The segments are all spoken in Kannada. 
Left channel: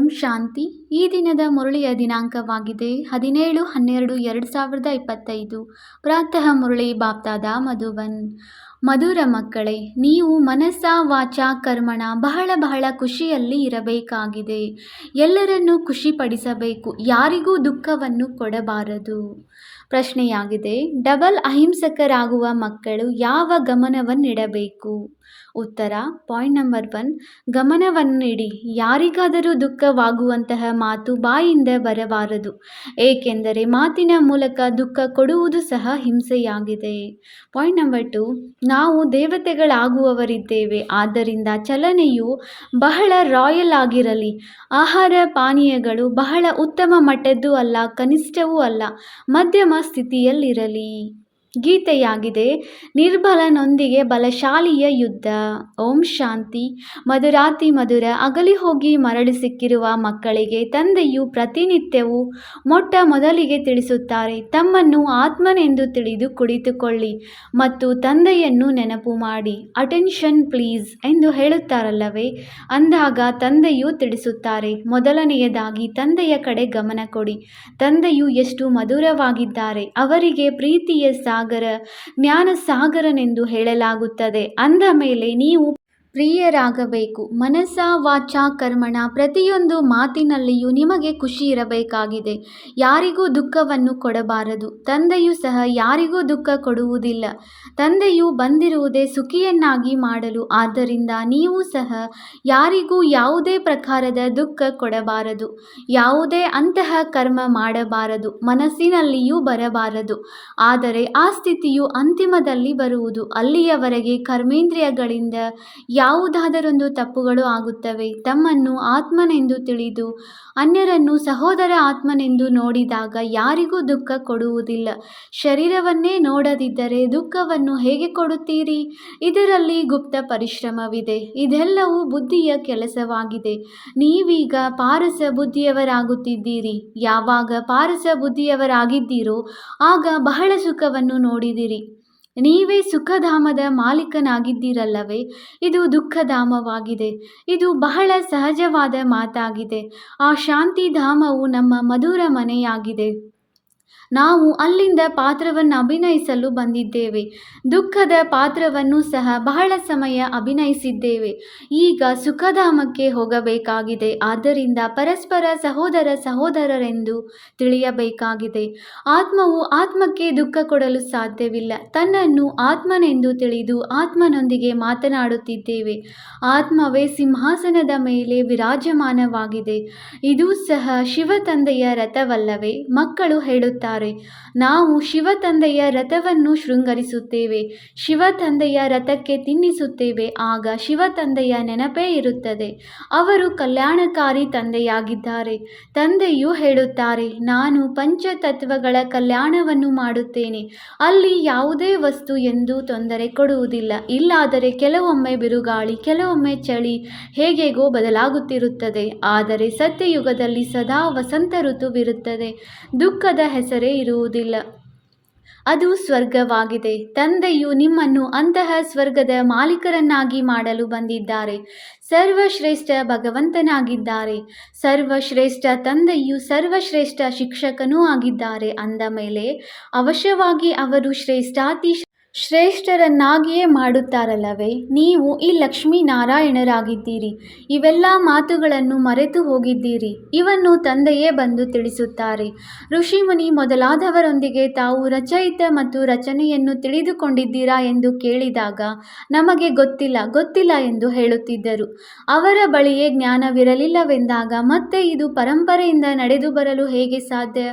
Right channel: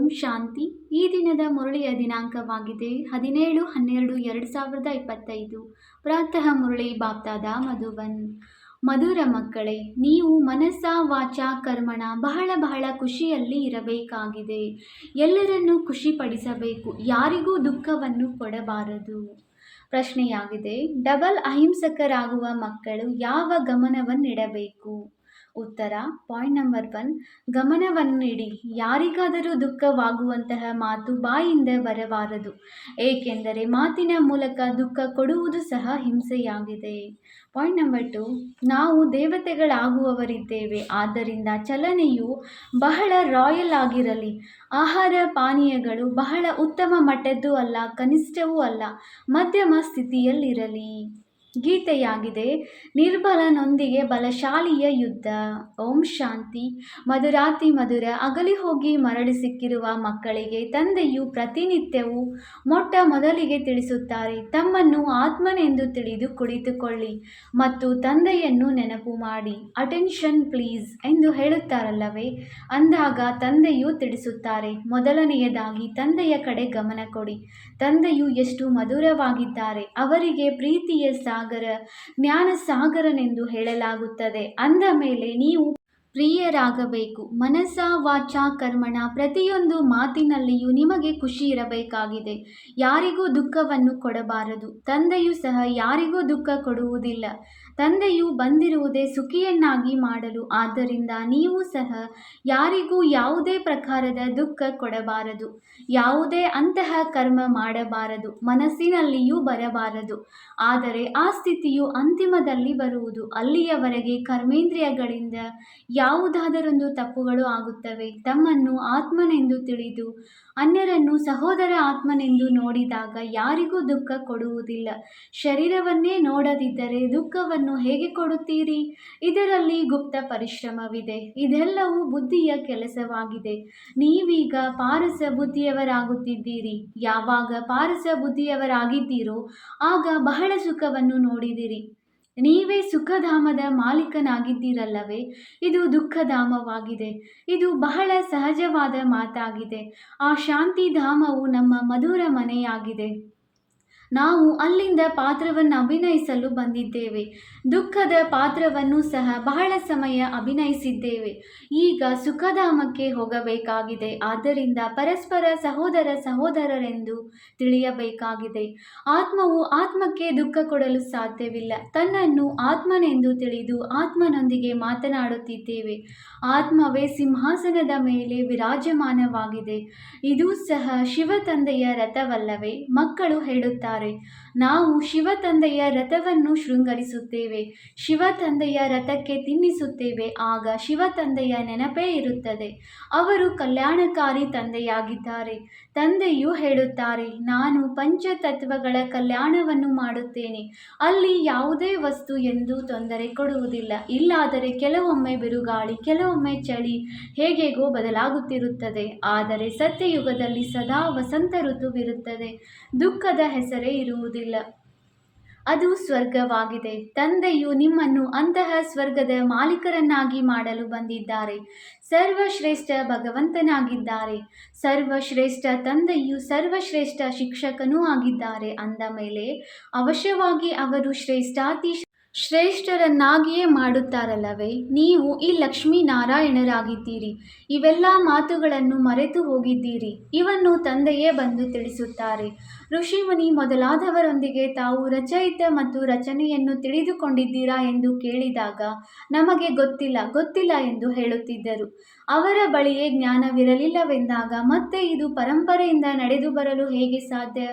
ಓಂ ಶಾಂತಿ. ಈ ದಿನದ ಮುರಳಿಯ ದಿನಾಂಕವಾಗಿದೆ 17/12/2025. ಪ್ರಾತಃ ಮುರಳಿ ಬಾಪ್ತಾದ ಮಧುಬನ್. ಮಧುರ ಮಕ್ಕಳೇ, ನೀವು ಮನಸ್ಸ ವಾಚ ಕರ್ಮಣ ಬಹಳ ಖುಷಿಯಲ್ಲಿ ಇರಬೇಕಾಗಿದೆ. ಎಲ್ಲರನ್ನೂ ಖುಷಿಪಡಿಸಬೇಕು, ಯಾರಿಗೂ ದುಃಖವನ್ನು ಕೊಡಬಾರದು. ಪ್ರಶ್ನೆಯಾಗಿದೆ, ಡಬಲ್ ಅಹಿಂಸಕರಾಗುವ ಮಕ್ಕಳು ಯಾವ ಗಮನವನ್ನಿಡಬೇಕು? ಉತ್ತರ, ಪಾಯಿಂಟ್ ನಂಬರ್ 1, ಗಮನವನ್ನಿಡಿ. ಯಾರಿಗಾದರೂ ದುಃಖವಾಗುವಂತಹ ಮಾತು ಬಾಯಿಂದ ಬರಬಾರದು, ಏಕೆಂದರೆ ಮಾತಿನ ಮೂಲಕ ದುಃಖ ಕೊಡುವುದು ಸಹ ಹಿಂಸೆಯಾಗಿದೆ. ಪಾಯಿಂಟ್ ನಂಬರ್ 2, ನಾವು ದೇವತೆಗಳಾಗುವವರಿದ್ದೇವೆ, ಆದ್ದರಿಂದ ಚಲನೆಯು ಬಹಳ ರಾಯಲ್ ಆಗಿರಲಿ. ಆಹಾರ ಪಾನೀಯಗಳು ಬಹಳ ಉತ್ತಮ ಮಟ್ಟದ್ದು ಅಲ್ಲ, ಕನಿಷ್ಠವೂ ಅಲ್ಲ, ಮಧ್ಯಮ ಸ್ಥಿತಿಯಲ್ಲಿರಲಿ. ಗೀತೆಯಾಗಿದೆ, ನಿರ್ಬಲನೊಂದಿಗೆ ಬಲಶಾಲಿಯ ಯುದ್ಧ. ಓಂ ಶಾಂತಿ. ಮಧುರಾತಿ ಮಧುರ. ಅಗಲಿ ಹೋಗಿ ಮರಳಿ ಸಿಕ್ಕಿರುವ ಮಕ್ಕಳಿಗೆ ತಂದೆಯು ಪ್ರತಿನಿತ್ಯವೂ ಮೊಟ್ಟ ಮೊದಲಿಗೆ ತಿಳಿಸುತ್ತಾರೆ, ತಮ್ಮನ್ನು ಆತ್ಮನೆಂದು ತಿಳಿದು ಕುಳಿತುಕೊಳ್ಳಿ ಮತ್ತು ತಂದೆಯನ್ನು ನೆನಪು ಮಾಡಿ. ಅಟೆನ್ಷನ್ ಪ್ಲೀಸ್ ಎಂದು ಹೇಳುತ್ತಾರಲ್ಲವೇ, ಅಂದಾಗ ತಂದೆಯು ತಿಳಿಸುತ್ತಾರೆ, ಮೊದಲನೆಯದಾಗಿ ತಂದೆಯ ಕಡೆ ಗಮನ ಕೊಡಿ. ತಂದೆಯು ಎಷ್ಟು ಮಧುರವಾಗಿದ್ದಾರೆ, ಅವರಿಗೆ ಪ್ರೀತಿಯ ಸಾಗರ, ಜ್ಞಾನ ಸಾಗರನೆಂದು ಹೇಳಲಾಗುತ್ತದೆ. ಅಂದ ಮೇಲೆ ನೀವು ಪ್ರಿಯರಾಗಬೇಕು. ಮನಸ್ಸ ವಾಚ ಕರ್ಮಣ ಪ್ರತಿಯೊಂದು ಮಾತಿನಲ್ಲಿಯೂ ನಿಮಗೆ ಖುಷಿ ಇರಬೇಕಾಗಿದೆ. ಯಾರಿಗೂ ದುಃಖವನ್ನು ಕೊಡಬಾರದು. ತಂದೆಯೂ ಸಹ ಯಾರಿಗೂ ದುಃಖ ಕೊಡುವುದಿಲ್ಲ. ತಂದೆಯು ಬಂದಿರುವುದೇ ಸುಖಿಯನ್ನಾಗಿ ಮಾಡಲು. ಆದ್ದರಿಂದ ನೀವು ಸಹ ಯಾರಿಗೂ ಯಾವುದೇ ಪ್ರಕಾರದ ದುಃಖ ಕೊಡಬಾರದು. ಯಾವುದೇ ಅಂತಹ ಕರ್ಮ ಮಾಡಬಾರದು, ಮನಸ್ಸಿನಲ್ಲಿಯೂ ಬರಬಾರದು. ಆದರೆ ಆ ಸ್ಥಿತಿಯು ಅಂತಿಮದಲ್ಲಿ ಬರುವುದು. ಅಲ್ಲಿಯವರೆಗೆ ಕರ್ಮೇಂದ್ರಿಯಗಳಿಂದ ಯಾವುದಾದರೊಂದು ತಪ್ಪುಗಳು ಆಗುತ್ತವೆ. ತಮ್ಮನ್ನು ಆತ್ಮನೆಂದು ತಿಳಿದು ಅನ್ಯರನ್ನು ಸಹೋದರ ಆತ್ಮನೆಂದು ನೋಡಿದಾಗ ಯಾರಿಗೂ ದುಃಖ ಕೊಡುವುದಿಲ್ಲ. ಶರೀರವನ್ನೇ ನೋಡದಿದ್ದರೆ ದುಃಖವನ್ನು ಹೇಗೆ ಕೊಡುತ್ತೀರಿ? ಇದರಲ್ಲಿ ಗುಪ್ತ ಪರಿಶ್ರಮವಿದೆ. ಇದೆಲ್ಲವೂ ಬುದ್ಧಿಯ ಕೆಲಸವಾಗಿದೆ. ನೀವೀಗ ಪಾರಸ ಬುದ್ಧಿಯವರಾಗುತ್ತಿದ್ದೀರಿ. ಯಾವಾಗ ಪಾರಸ ಬುದ್ಧಿಯವರಾಗಿದ್ದೀರೋ ಆಗ ಬಹಳ ಸುಖವನ್ನು ನೋಡಿದಿರಿ. ನೀವೇ ಸುಖಧಾಮದ ಮಾಲೀಕನಾಗಿದ್ದೀರಲ್ಲವೇ. ಇದು ದುಃಖಧಾಮವಾಗಿದೆ. ಇದು ಬಹಳ ಸಹಜವಾದ ಮಾತಾಗಿದೆ. ಆ ಶಾಂತಿಧಾಮವು ನಮ್ಮ ಮಧುರ ಮನೆಯಾಗಿದೆ. ನಾವು ಅಲ್ಲಿಂದ ಪಾತ್ರವನ್ನು ಅಭಿನಯಿಸಲು ಬಂದಿದ್ದೇವೆ. ದುಃಖದ ಪಾತ್ರವನ್ನು ಸಹ ಬಹಳ ಸಮಯ ಅಭಿನಯಿಸಿದ್ದೇವೆ. ಈಗ ಸುಖಧಾಮಕ್ಕೆ ಹೋಗಬೇಕಾಗಿದೆ. ಆದ್ದರಿಂದ ಪರಸ್ಪರ ಸಹೋದರರೆಂದು ತಿಳಿಯಬೇಕಾಗಿದೆ. ಆತ್ಮವು ಆತ್ಮಕ್ಕೆ ದುಃಖ ಕೊಡಲು ಸಾಧ್ಯವಿಲ್ಲ. ತನ್ನನ್ನು ಆತ್ಮನೆಂದು ತಿಳಿದು ಆತ್ಮನೊಂದಿಗೆ ಮಾತನಾಡುತ್ತಿದ್ದೇವೆ. ಆತ್ಮವೇ ಸಿಂಹಾಸನದ ಮೇಲೆ ವಿರಾಜಮಾನವಾಗಿದೆ. ಇದೂ ಸಹ ಶಿವ ತಂದೆಯ ರಥವಲ್ಲವೇ? ಮಕ್ಕಳು ಹೇಳುತ್ತಾರೆ, ನಾವು ಶಿವ ತಂದೆಯ ರಥವನ್ನು ಶೃಂಗರಿಸುತ್ತೇವೆ, ಶಿವ ತಂದೆಯ ರಥಕ್ಕೆ ತಿನ್ನಿಸುತ್ತೇವೆ. ಆಗ ಶಿವ ತಂದೆಯ ನೆನಪೇ ಇರುತ್ತದೆ. ಅವರು ಕಲ್ಯಾಣಕಾರಿ ತಂದೆಯಾಗಿದ್ದಾರೆ. ತಂದೆಯು ಹೇಳುತ್ತಾರೆ, ನಾನು ಪಂಚತತ್ವಗಳ ಕಲ್ಯಾಣವನ್ನು ಮಾಡುತ್ತೇನೆ. ಅಲ್ಲಿ ಯಾವುದೇ ವಸ್ತು ಎಂದೂ ತೊಂದರೆ ಕೊಡುವುದಿಲ್ಲ. ಇಲ್ಲಾದರೆ ಕೆಲವೊಮ್ಮೆ ಬಿರುಗಾಳಿ, ಕೆಲವೊಮ್ಮೆ ಚಳಿ, ಹೇಗೇಗೋ ಬದಲಾಗುತ್ತಿರುತ್ತದೆ. ಆದರೆ ಸತ್ಯಯುಗದಲ್ಲಿ ಸದಾ ವಸಂತ ಋತುವಿರುತ್ತದೆ. ದುಃಖದ ಹೆಸರೇ ಇರುವುದಿಲ್ಲ. ಅದು ಸ್ವರ್ಗವಾಗಿದೆ. ತಂದೆಯು ನಿಮ್ಮನ್ನು ಅಂತಹ ಸ್ವರ್ಗದ ಮಾಲೀಕರನ್ನಾಗಿ ಮಾಡಲು ಬಂದಿದ್ದಾರೆ. ಸರ್ವಶ್ರೇಷ್ಠ ಭಗವಂತನಾಗಿದ್ದಾರೆ. ಸರ್ವಶ್ರೇಷ್ಠ ತಂದೆಯು ಸರ್ವಶ್ರೇಷ್ಠ ಶಿಕ್ಷಕನೂ ಆಗಿದ್ದಾರೆ. ಅಂದ ಮೇಲೆ ಅವಶ್ಯವಾಗಿ ಅವರು ಶ್ರೇಷ್ಠಾತಿ ಶ್ರೇಷ್ಠರನ್ನಾಗಿಯೇ ಮಾಡುತ್ತಾರಲ್ಲವೇ. ನೀವು ಈ ಲಕ್ಷ್ಮೀನಾರಾಯಣರಾಗಿದ್ದೀರಿ. ಇವೆಲ್ಲ ಮಾತುಗಳನ್ನು ಮರೆತು ಹೋಗಿದ್ದೀರಿ. ಇವನ್ನು ತಂದೆಯೇ ಬಂದು ತಿಳಿಸುತ್ತಾರೆ. ಋಷಿಮುನಿ ಮೊದಲಾದವರೊಂದಿಗೆ ತಾವು ರಚಯಿತ ಮತ್ತು ರಚನೆಯನ್ನು ತಿಳಿದುಕೊಂಡಿದ್ದೀರಾ ಎಂದು ಕೇಳಿದಾಗ ನಮಗೆ ಗೊತ್ತಿಲ್ಲ ಎಂದು ಹೇಳುತ್ತಿದ್ದರು. ಅವರ ಬಳಿಯೇ ಜ್ಞಾನವಿರಲಿಲ್ಲವೆಂದಾಗ ಮತ್ತೆ ಇದು ಪರಂಪರೆಯಿಂದ ನಡೆದು ಬರಲು ಹೇಗೆ ಸಾಧ್ಯ?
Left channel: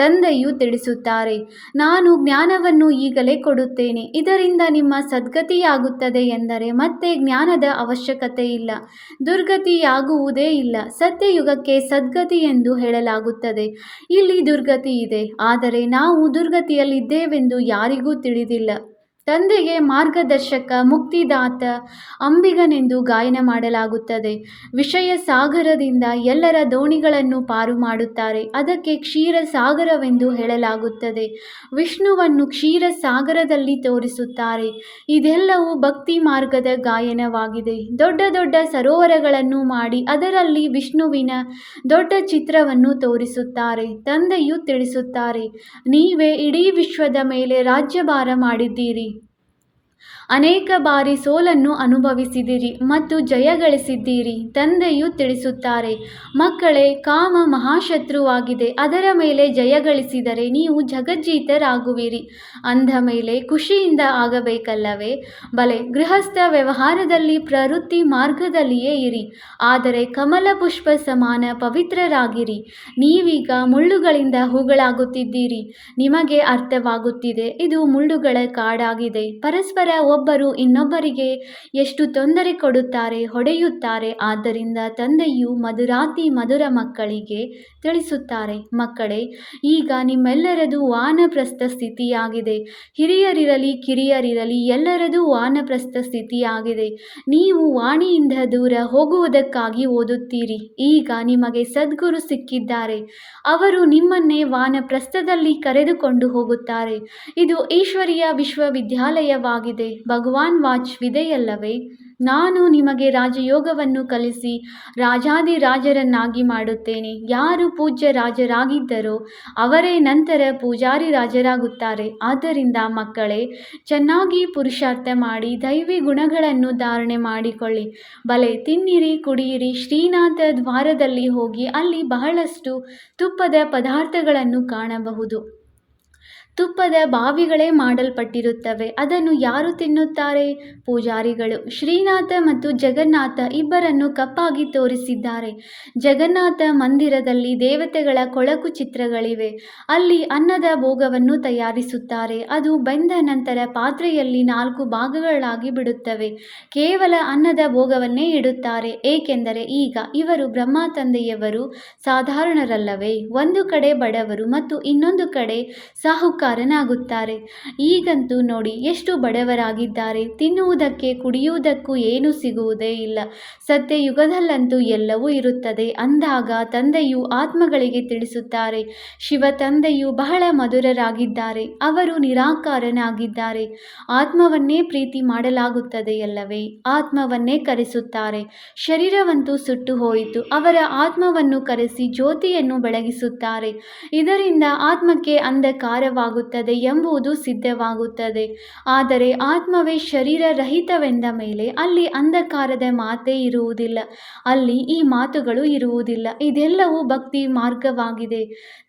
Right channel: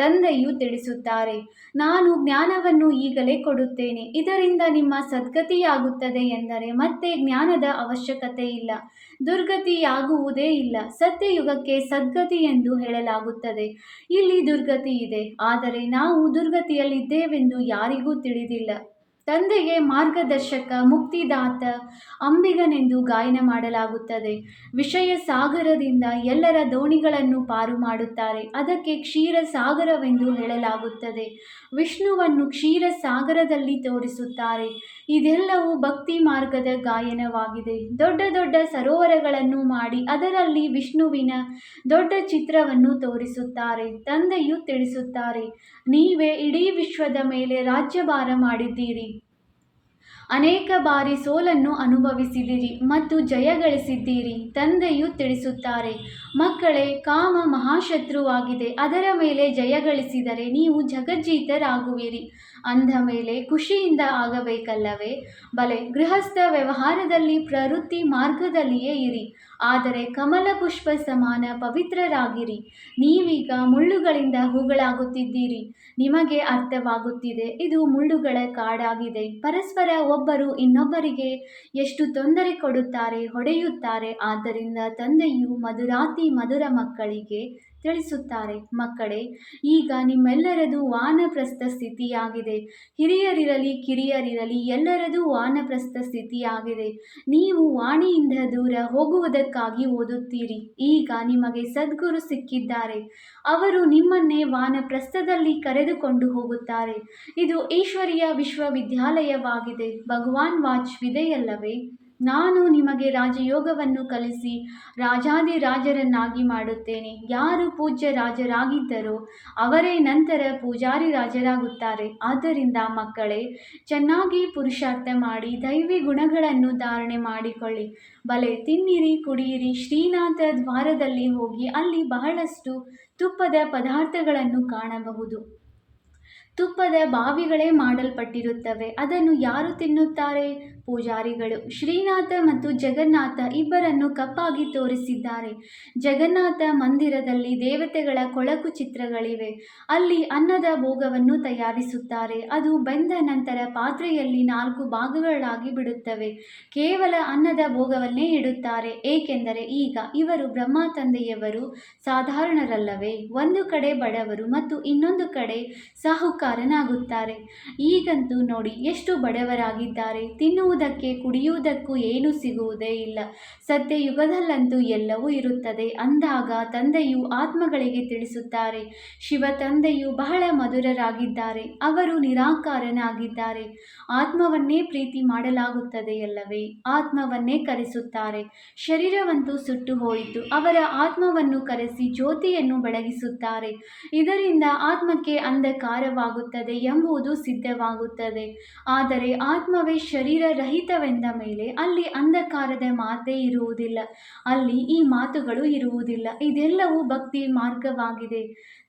ತಂದೆಯು ತಿಳಿಸುತ್ತಾರೆ, ನಾನು ಜ್ಞಾನವನ್ನು ಈಗಲೇ ಕೊಡುತ್ತೇನೆ. ಇದರಿಂದ ನಿಮ್ಮ ಸದ್ಗತಿಯಾಗುತ್ತದೆ ಎಂದರೆ ಮತ್ತೆ ಜ್ಞಾನದ ಅವಶ್ಯಕತೆ ಇಲ್ಲ, ದುರ್ಗತಿಯಾಗುವುದೇ ಇಲ್ಲ. ಸತ್ಯಯುಗಕ್ಕೆ ಸದ್ಗತಿ ಎಂದು ಹೇಳಲಾಗುತ್ತದೆ. ಇಲ್ಲಿ ದುರ್ಗತಿ ಇದೆ, ಆದರೆ ನಾವು ದುರ್ಗತಿಯಲ್ಲಿದ್ದೇವೆಂದು ಯಾರಿಗೂ ತಿಳಿದಿಲ್ಲ. ತಂದೆಗೆ ಮಾರ್ಗದರ್ಶಕ, ಮುಕ್ತಿದಾತ, ಅಂಬಿಗನೆಂದು ಗಾಯನ ಮಾಡಲಾಗುತ್ತದೆ. ವಿಷಯ ಸಾಗರದಿಂದ ಎಲ್ಲರ ದೋಣಿಗಳನ್ನು ಪಾರು ಮಾಡುತ್ತಾರೆ. ಅದಕ್ಕೆ ಕ್ಷೀರ ಸಾಗರವೆಂದು ಹೇಳಲಾಗುತ್ತದೆ. ವಿಷ್ಣುವನ್ನು ಕ್ಷೀರ ಸಾಗರದಲ್ಲಿ ತೋರಿಸುತ್ತಾರೆ. ಇದೆಲ್ಲವೂ ಭಕ್ತಿ ಮಾರ್ಗದ ಗಾಯನವಾಗಿದೆ. ದೊಡ್ಡ ದೊಡ್ಡ ಸರೋವರಗಳನ್ನು ಮಾಡಿ ಅದರಲ್ಲಿ ವಿಷ್ಣುವಿನ ದೊಡ್ಡ ಚಿತ್ರವನ್ನು ತೋರಿಸುತ್ತಾರೆ. ತಂದೆಯು ತಿಳಿಸುತ್ತಾರೆ, ನೀವೇ ಇಡೀ ವಿಶ್ವದ ಮೇಲೆ ರಾಜ್ಯಭಾರ ಮಾಡಿದ್ದೀರಿ. ಅನೇಕ ಬಾರಿ ಸೋಲನ್ನು ಅನುಭವಿಸಿದಿರಿ ಮತ್ತು ಜಯ ಗಳಿಸಿದ್ದೀರಿ. ತಂದೆಯು ತಿಳಿಸುತ್ತಾರೆ, ಮಕ್ಕಳೇ, ಕಾಮ ಮಹಾಶತ್ರುವಾಗಿದೆ. ಅದರ ಮೇಲೆ ಜಯ ಗಳಿಸಿದರೆ ನೀವು ಜಗಜ್ಜೀತರಾಗುವಿರಿ. ಅಂದ ಮೇಲೆ ಖುಷಿಯಿಂದ ಆಗಬೇಕಲ್ಲವೇ? ಬಲೆ, ಗೃಹಸ್ಥ ವ್ಯವಹಾರದಲ್ಲಿ ಪ್ರವೃತ್ತಿ ಮಾರ್ಗದಲ್ಲಿಯೇ ಇರಿ, ಆದರೆ ಕಮಲ ಪುಷ್ಪ ಸಮಾನ ಪವಿತ್ರರಾಗಿರಿ. ನೀವೀಗ ಮುಳ್ಳುಗಳಿಂದ ಹೂಗಳಾಗುತ್ತಿದ್ದೀರಿ. ನಿಮಗೆ ಅರ್ಥವಾಗುತ್ತಿದೆ, ಇದು ಮುಳ್ಳುಗಳ ಕಾಡಾಗಿದೆ. ಪರಸ್ಪರ ಒಬ್ಬರು ಇನ್ನೊಬ್ಬರಿಗೆ ಎಷ್ಟು ತೊಂದರೆ ಕೊಡುತ್ತಾರೆ, ಹೊಡೆಯುತ್ತಾರೆ. ಆದ್ದರಿಂದ ತಂದೆಯು ಮಧುರಾತಿ ಮಧುರ ಮಕ್ಕಳಿಗೆ ತಿಳಿಸುತ್ತಾರೆ, ಮಕ್ಕಳೇ, ಈಗ ನಿಮ್ಮೆಲ್ಲರದು ವಾನಪ್ರಸ್ಥ ಸ್ಥಿತಿಯಾಗಿದೆ. ಹಿರಿಯರಿರಲಿ ಕಿರಿಯರಿರಲಿ ಎಲ್ಲರದು ವಾನಪ್ರಸ್ಥ ಸ್ಥಿತಿಯಾಗಿದೆ. ನೀವು ವಾಣಿಯಿಂದ ದೂರ ಹೋಗುವುದಕ್ಕಾಗಿ ಓದುತ್ತೀರಿ. ಈಗ ನಿಮಗೆ ಸದ್ಗುರು ಸಿಕ್ಕಿದ್ದಾರೆ. ಅವರು ನಿಮ್ಮನ್ನೇ ವಾನಪ್ರಸ್ಥದಲ್ಲಿ ಕರೆದುಕೊಂಡು ಹೋಗುತ್ತಾರೆ. ಇದು ಈಶ್ವರೀಯ ವಿಶ್ವವಿದ್ಯಾಲಯವಾಗಿದೆ. ಭಗವಾನ್ ವಾಚ್ವಿದೆಯಲ್ಲವೇ? ನಾನು ನಿಮಗೆ ರಾಜಯೋಗವನ್ನು ಕಲಿಸಿ ರಾಜಾದಿರಾಜರನ್ನಾಗಿ ಮಾಡುತ್ತೇನೆ. ಯಾರು ಪೂಜ್ಯ ರಾಜರಾಗಿದ್ದರೋ ಅವರೇ ನಂತರ ಪೂಜಾರಿ ರಾಜರಾಗುತ್ತಾರೆ. ಆದ್ದರಿಂದ ಮಕ್ಕಳೇ, ಚೆನ್ನಾಗಿ ಪುರುಷಾರ್ಥ ಮಾಡಿ ದೈವಿ ಗುಣಗಳನ್ನು ಧಾರಣೆ ಮಾಡಿಕೊಳ್ಳಿ. ಬಲೆ, ತಿನ್ನಿರಿ, ಕುಡಿಯಿರಿ. ಶ್ರೀನಾಥ ದ್ವಾರದಲ್ಲಿ ಹೋಗಿ ಅಲ್ಲಿ ಬಹಳಷ್ಟು ತುಪ್ಪದ ಪದಾರ್ಥಗಳನ್ನು ಕಾಣಬಹುದು. ತುಪ್ಪದ ಬಾವಿಗಳೇ ಮಾಡಲ್ಪಟ್ಟಿರುತ್ತವೆ. ಅದನ್ನು ಯಾರು ತಿನ್ನುತ್ತಾರೆ? ಪೂಜಾರಿಗಳು. ಶ್ರೀನಾಥ ಮತ್ತು ಜಗನ್ನಾಥ ಇಬ್ಬರನ್ನು ಕಪ್ಪಾಗಿ ತೋರಿಸಿದ್ದಾರೆ. ಜಗನ್ನಾಥ ಮಂದಿರದಲ್ಲಿ ದೇವತೆಗಳ ಕೊಳಕು ಚಿತ್ರಗಳಿವೆ. ಅಲ್ಲಿ ಅನ್ನದ ಭೋಗವನ್ನು ತಯಾರಿಸುತ್ತಾರೆ. ಅದು ಬೆಂದ ನಂತರ ಪಾತ್ರೆಯಲ್ಲಿ 4 ಭಾಗಗಳಾಗಿ ಬಿಡುತ್ತವೆ. ಕೇವಲ ಅನ್ನದ ಭೋಗವನ್ನೇ ಇಡುತ್ತಾರೆ. ಏಕೆಂದರೆ ಈಗ ಇವರು ಬ್ರಹ್ಮ ತಂದೆಯವರು ಸಾಧಾರಣರಲ್ಲವೇ? ಒಂದು ಕಡೆ ಬಡವರು ಮತ್ತು ಇನ್ನೊಂದು ಕಡೆ ಸಾಹುಕಾರನಾಗುತ್ತಾರೆ. ಈಗಂತೂ ನೋಡಿ ಎಷ್ಟು ಬಡವರಾಗಿದ್ದಾರೆ. ತಿನ್ನುವುದಕ್ಕೆ ಕುಡಿಯುವುದಕ್ಕೂ ಏನೂ ಸಿಗುವುದೇ ಇಲ್ಲ. ಸತ್ಯಯುಗದಲ್ಲಂತೂ ಎಲ್ಲವೂ ಇರುತ್ತದೆ. ಅಂದಾಗ ತಂದೆಯು ಆತ್ಮಗಳಿಗೆ ತಿಳಿಸುತ್ತಾರೆ, ಶಿವ ತಂದೆಯು ಬಹಳ ಮಧುರರಾಗಿದ್ದಾರೆ. ಅವರು ನಿರಾಕಾರನಾಗಿದ್ದಾರೆ. ಆತ್ಮವನ್ನೇ ಪ್ರೀತಿ ಮಾಡಲಾಗುತ್ತದೆಯಲ್ಲವೇ? ಆತ್ಮವನ್ನೇ ಕರೆಸುತ್ತಾರೆ. ಶರೀರವಂತೂ ಸುಟ್ಟು ಹೋಯಿತು. ಅವರ ಆತ್ಮವನ್ನು ಕರೆಸಿ ಜ್ಯೋತಿಯನ್ನು ಬೆಳಗಿಸುತ್ತಾರೆ. ಇದರಿಂದ ಆತ್ಮಕ್ಕೆ ಅಂಧಕಾರವಾಗುತ್ತದೆ ಎಂಬುದು ಸಿದ್ಧವಾಗುತ್ತದೆ. ಆದರೆ ಆತ್ಮವೇ ಶರೀರ ರಹಿತವೆಂದ ಮೇಲೆ ಅಲ್ಲಿ ಅಂಧಕಾರದ ಮಾತೇ ಇರುವುದಿಲ್ಲ. ಅಲ್ಲಿ ಈ ಮಾತುಗಳು ಇರುವುದಿಲ್ಲ. ಇದೆಲ್ಲವೂ ಭಕ್ತಿ ಮಾರ್ಗವಾಗಿದೆ.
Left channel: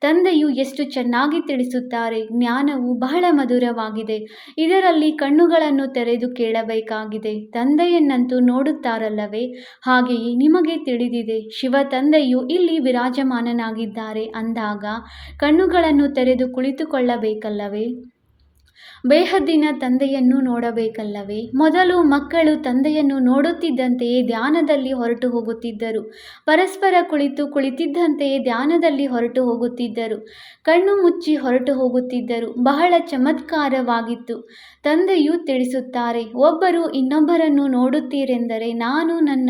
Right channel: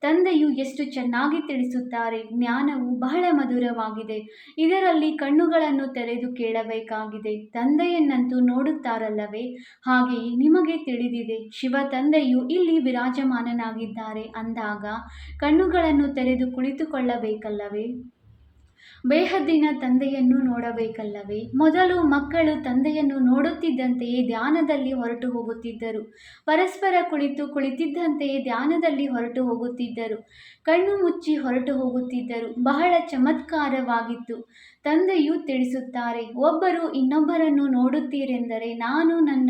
ತಂದೆಯು ಎಷ್ಟು ಚೆನ್ನಾಗಿ ತಿಳಿಸುತ್ತಾರೆ. ಜ್ಞಾನವು ಬಹಳ ಮಧುರವಾಗಿದೆ. ಇದರಲ್ಲಿ ಕಣ್ಣುಗಳನ್ನು ತೆರೆದು ಕೇಳಬೇಕಾಗಿದೆ. ತಂದೆಯನ್ನಂತೂ ನೋಡುತ್ತಾರಲ್ಲವೇ? ಹಾಗೆಯೇ ನಿಮಗೆ ತಿಳಿದಿದೆ, ಶಿವ ತಂದೆಯು ಇಲ್ಲಿ ವಿರಾಜಮಾನನಾಗಿದ್ದಾರೆ. ಅಂದಾಗ ಕಣ್ಣುಗಳನ್ನು ತೆರೆದು ಕುಳಿತುಕೊಳ್ಳಬೇಕಲ್ಲವೇ? ಬೇಹದ್ದಿನ ತಂದೆಯನ್ನು ನೋಡಬೇಕಲ್ಲವೇ? ಮೊದಲು ಮಕ್ಕಳು ತಂದೆಯನ್ನು ನೋಡುತ್ತಿದ್ದಂತೆಯೇ ಧ್ಯಾನದಲ್ಲಿ ಹೊರಟು ಹೋಗುತ್ತಿದ್ದರು. ಪರಸ್ಪರ ಕುಳಿತಿದ್ದಂತೆಯೇ ಧ್ಯಾನದಲ್ಲಿ ಹೊರಟು ಹೋಗುತ್ತಿದ್ದರು. ಕಣ್ಣು ಮುಚ್ಚಿ ಹೊರಟು ಹೋಗುತ್ತಿದ್ದರು. ಬಹಳ ಚಮತ್ಕಾರವಾಗಿತ್ತು. ತಂದೆಯು ತಿಳಿಸುತ್ತಾರೆ, ಒಬ್ಬರು ಇನ್ನೊಬ್ಬರನ್ನು ನೋಡುತ್ತೀರೆಂದರೆ ನಾನು ನನ್ನ